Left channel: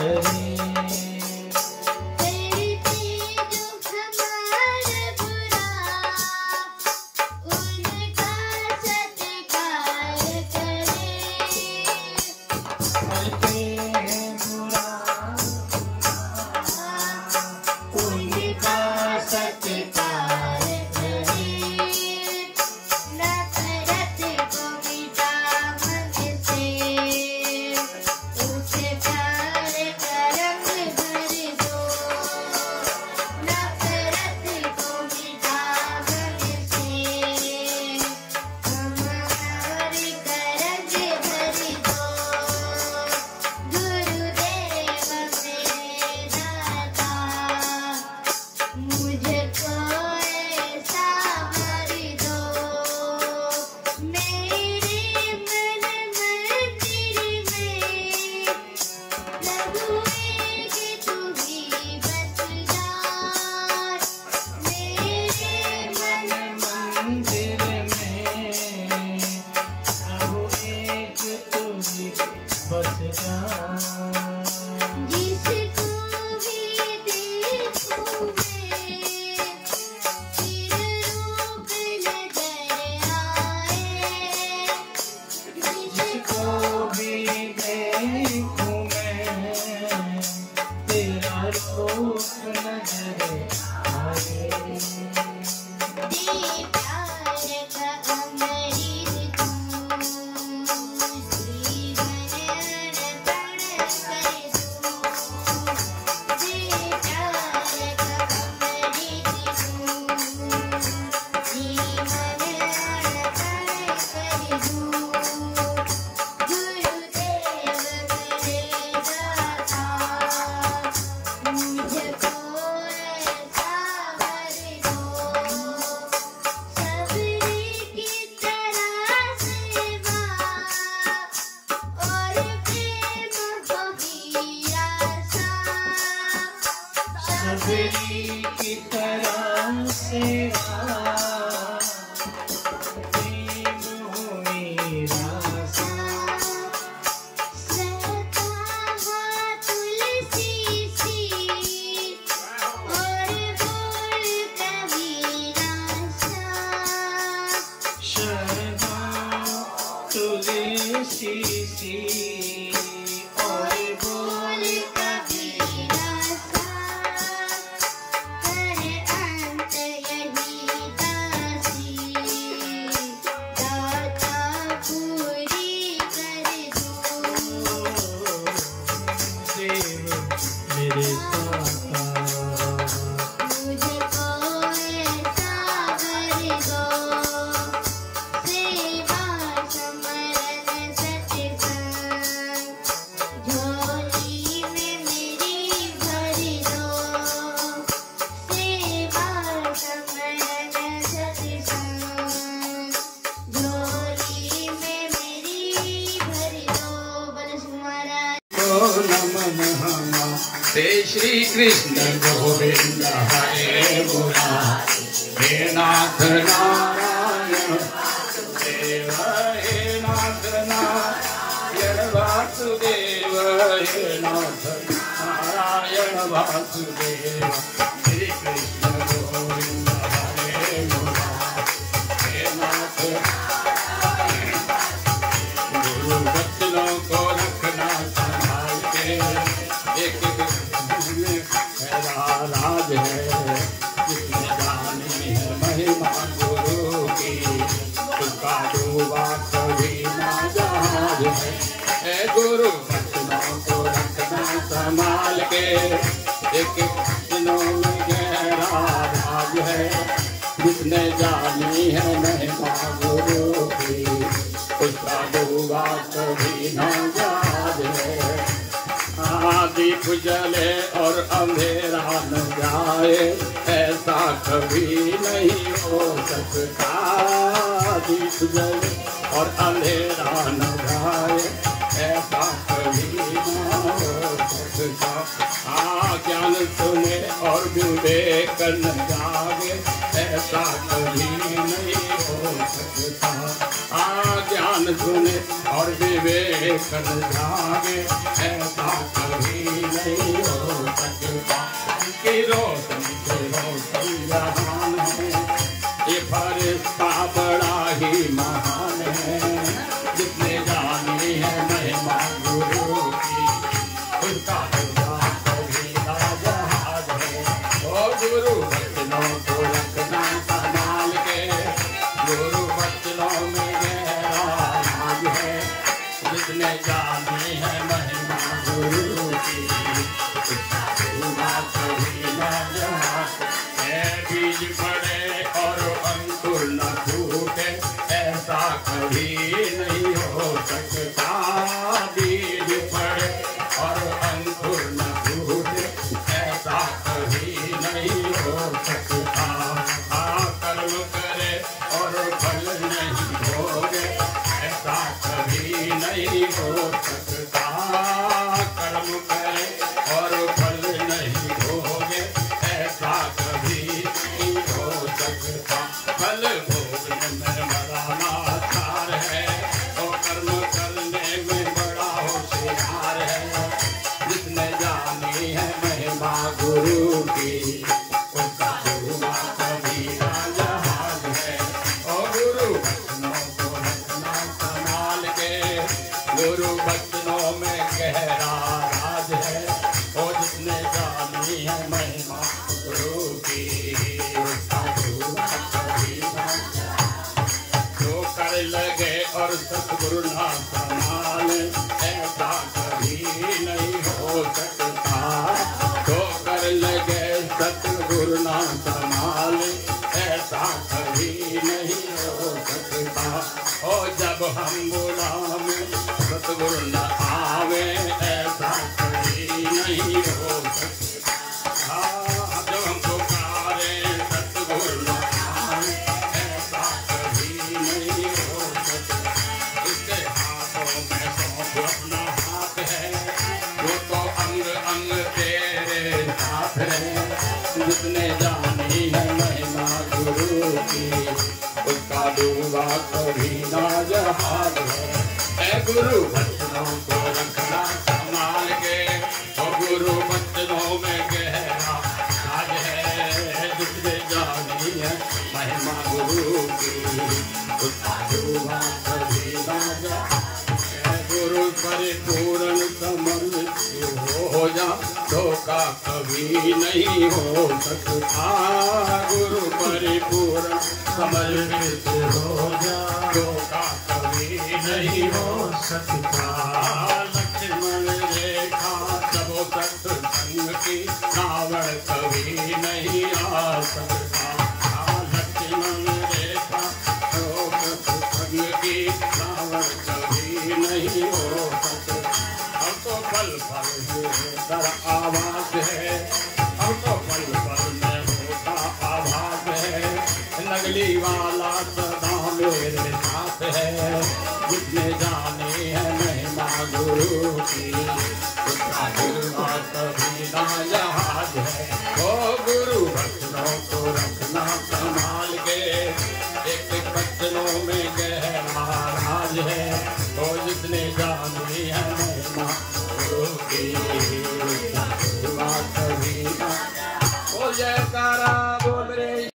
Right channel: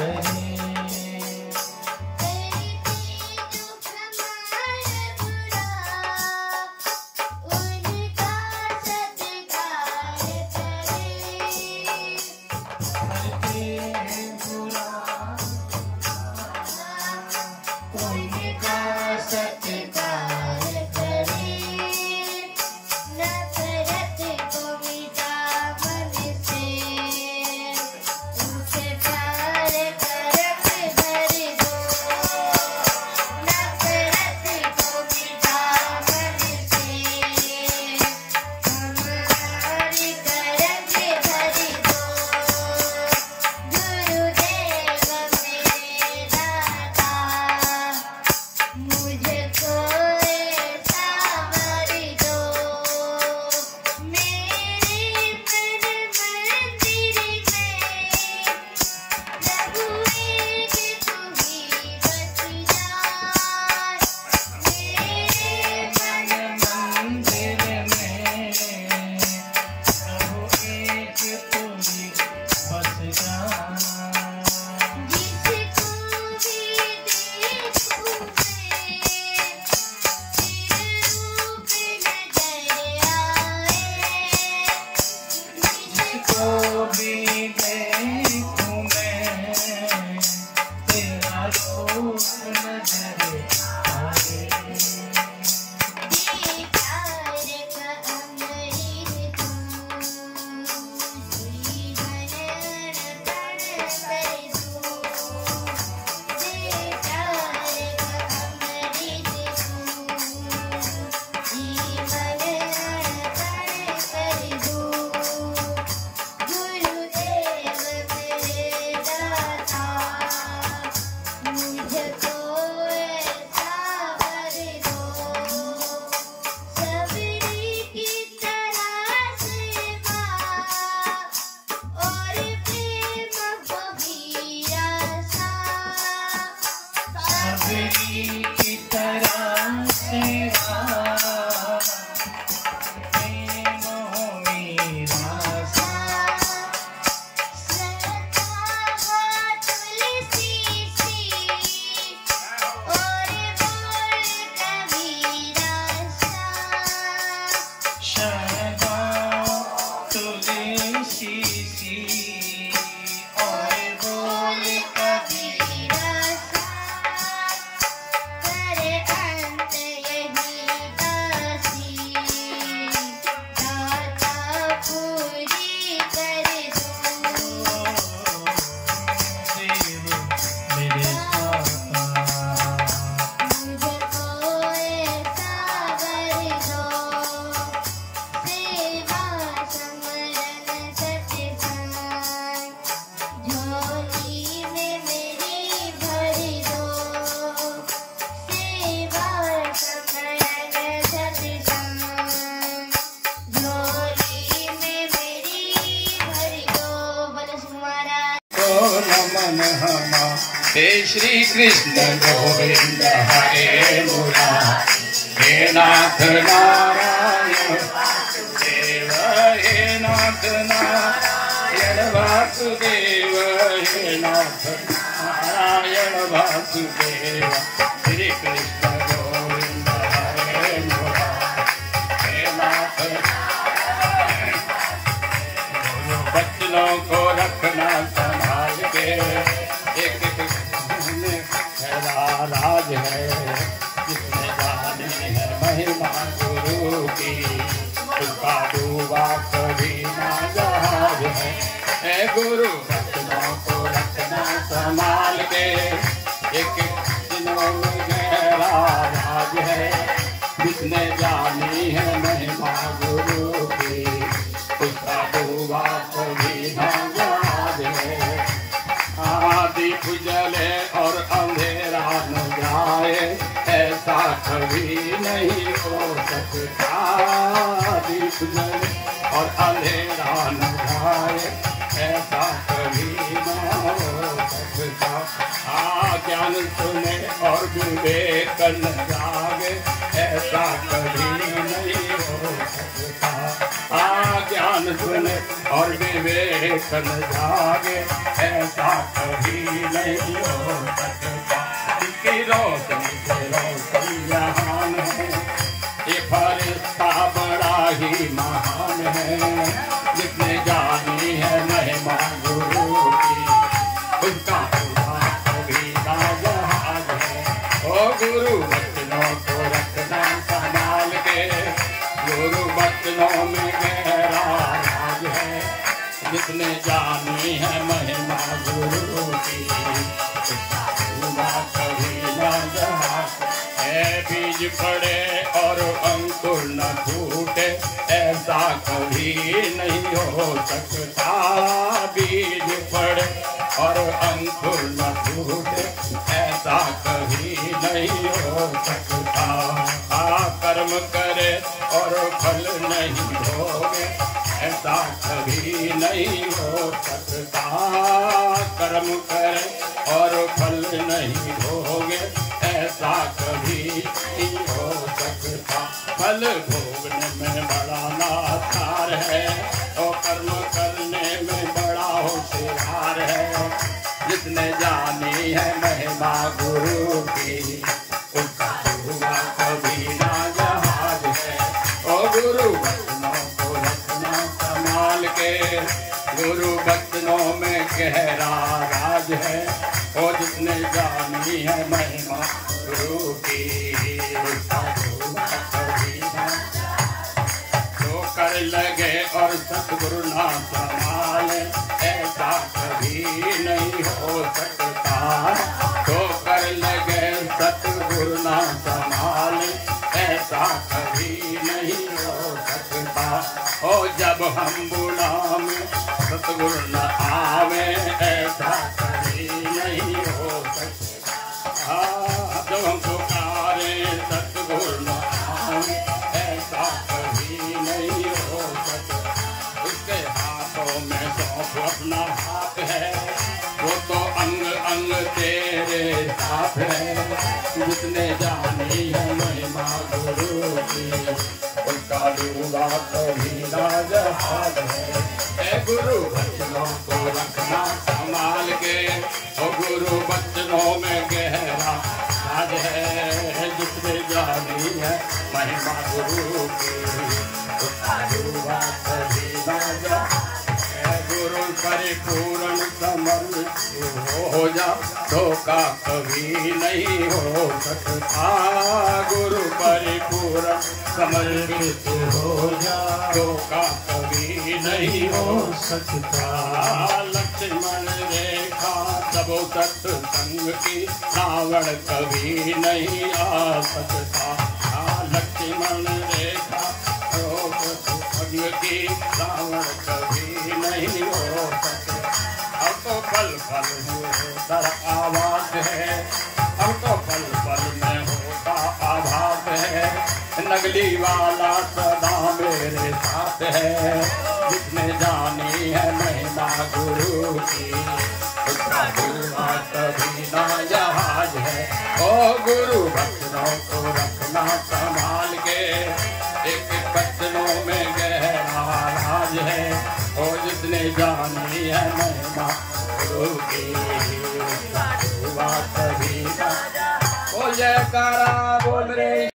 करे। हे श्री कृष्ण गोविंद हरे मुरारी, हे नाथ नारायण देव, हे नाथ नारायण वासुदेव, हे नाथ नारायण वासुदेव। श्री कृष्ण गोविंद हरे मुरारी, हे नाथ गुरु बच्चों को रखना संभाल के, एक नाज है महिमा गुरु की, उसका डूबा कभी ना जहाज है। गुरु बच्चों को रखना संभाल के, एक नाज है जिसने जानी है महिमा गुरु की, उसका डूबा कभी ना जहाज है। दीप जले और अंधेरा न जाए, ऐसा कभी नहीं हो सकता। दीप जले और अंधेरा न जाए, ऐसा कभी न हो सकता। ज्ञान सुने और विवेक न जागे, ऐसा कभी नहीं हो सकता। ज्ञान सुने और विवेक न जागे, ऐसा कभी न नहीं हो सकता। उसकी रोशनी से रोशन जहान है, ये फरिश्ता बड़ा ही महान है। जिसने जानी है महिमा गुरु की, उसका कभी ना जहाज है। ओ गुरु वचनों को रखना संभाल के, गुरु वचनों में गहरा राज है। जिसने जानी है महिमा गुरु की, उसका कभी ना जहाज है। बीज पड़े और अंकुर न फूटे, ऐसा कभी नहीं हो सकता। बीज पड़े और अंकुर न फूटे, ऐसा कभी नहीं हो सकता। कर्म करे और फल नहीं भोगे, ऐसा कभी नहीं हो सकता। कर्म करे और फल नहीं भोगे, ऐसा कभी नहीं हो सकता। फल भोगने में बड़ा लाचार है, और कर्म करने में बड़ा होशियार है। जिसने जानी है महिमा गुरु की, उसका होगा कभी ना जहाज है। ओ गुरु वचनों को रखना संभाल के, गुरु वचनों में गहरा राज है। और जिसने जानी है महिमा गुरु की, उसका होगा कभी ना जो कर लगे और सतगुरु ना संभाले, ऐसा कभी नहीं हो सकता। जो कर लगे सतगुरु ना संभाले, ऐसा कभी नहीं हो सकता। ओ जब हम गुलाम सतगुरु न आवे, ऐसा कभी नहीं हो सकता। जब हम पुकारे सतगुरु न आवे, ऐसा कभी नहीं हो सकता। उसके हाथों में सौंप अपना हाथ है, वो तो अंग अंग तेरे साथ है। जिसने जानी है महिमा गुरु की, उसका डूबा कभी ना जहाज है। ऐ गुरु वचनों को रखना संभाल के, और गुरु वचनों में गहरा राज है। जिसने जानी है महिमा गुरु की, उसका डूबा कभी ना जहाज है। गुरु परिपूर्ण समझ हो जा, धोखा कभी नहीं हो सकता। गुरु परिपूर्ण समझ हो जा, धोखा कभी नहीं हो सकता। लक्ष्मण रेखा सबो सत्संग की, रावण कभी नहीं आ सकता। लक्ष्मण रेखा सबो सत्संग की, रावण कभी नहीं हो सकता। हम तो पल पल होता आवाज है, हम तो पल पल में होता आवाज है। नगली वाला सदा मेरे साथ है। जिसने जानी है महिमा गुरु की, उसका डूबा कभी ना जहाज है। ओ गुरु वचनों को रखना संभाल के, एक वचनों में गहरा राज है। और जिसने जानी है महिमा गुरु की,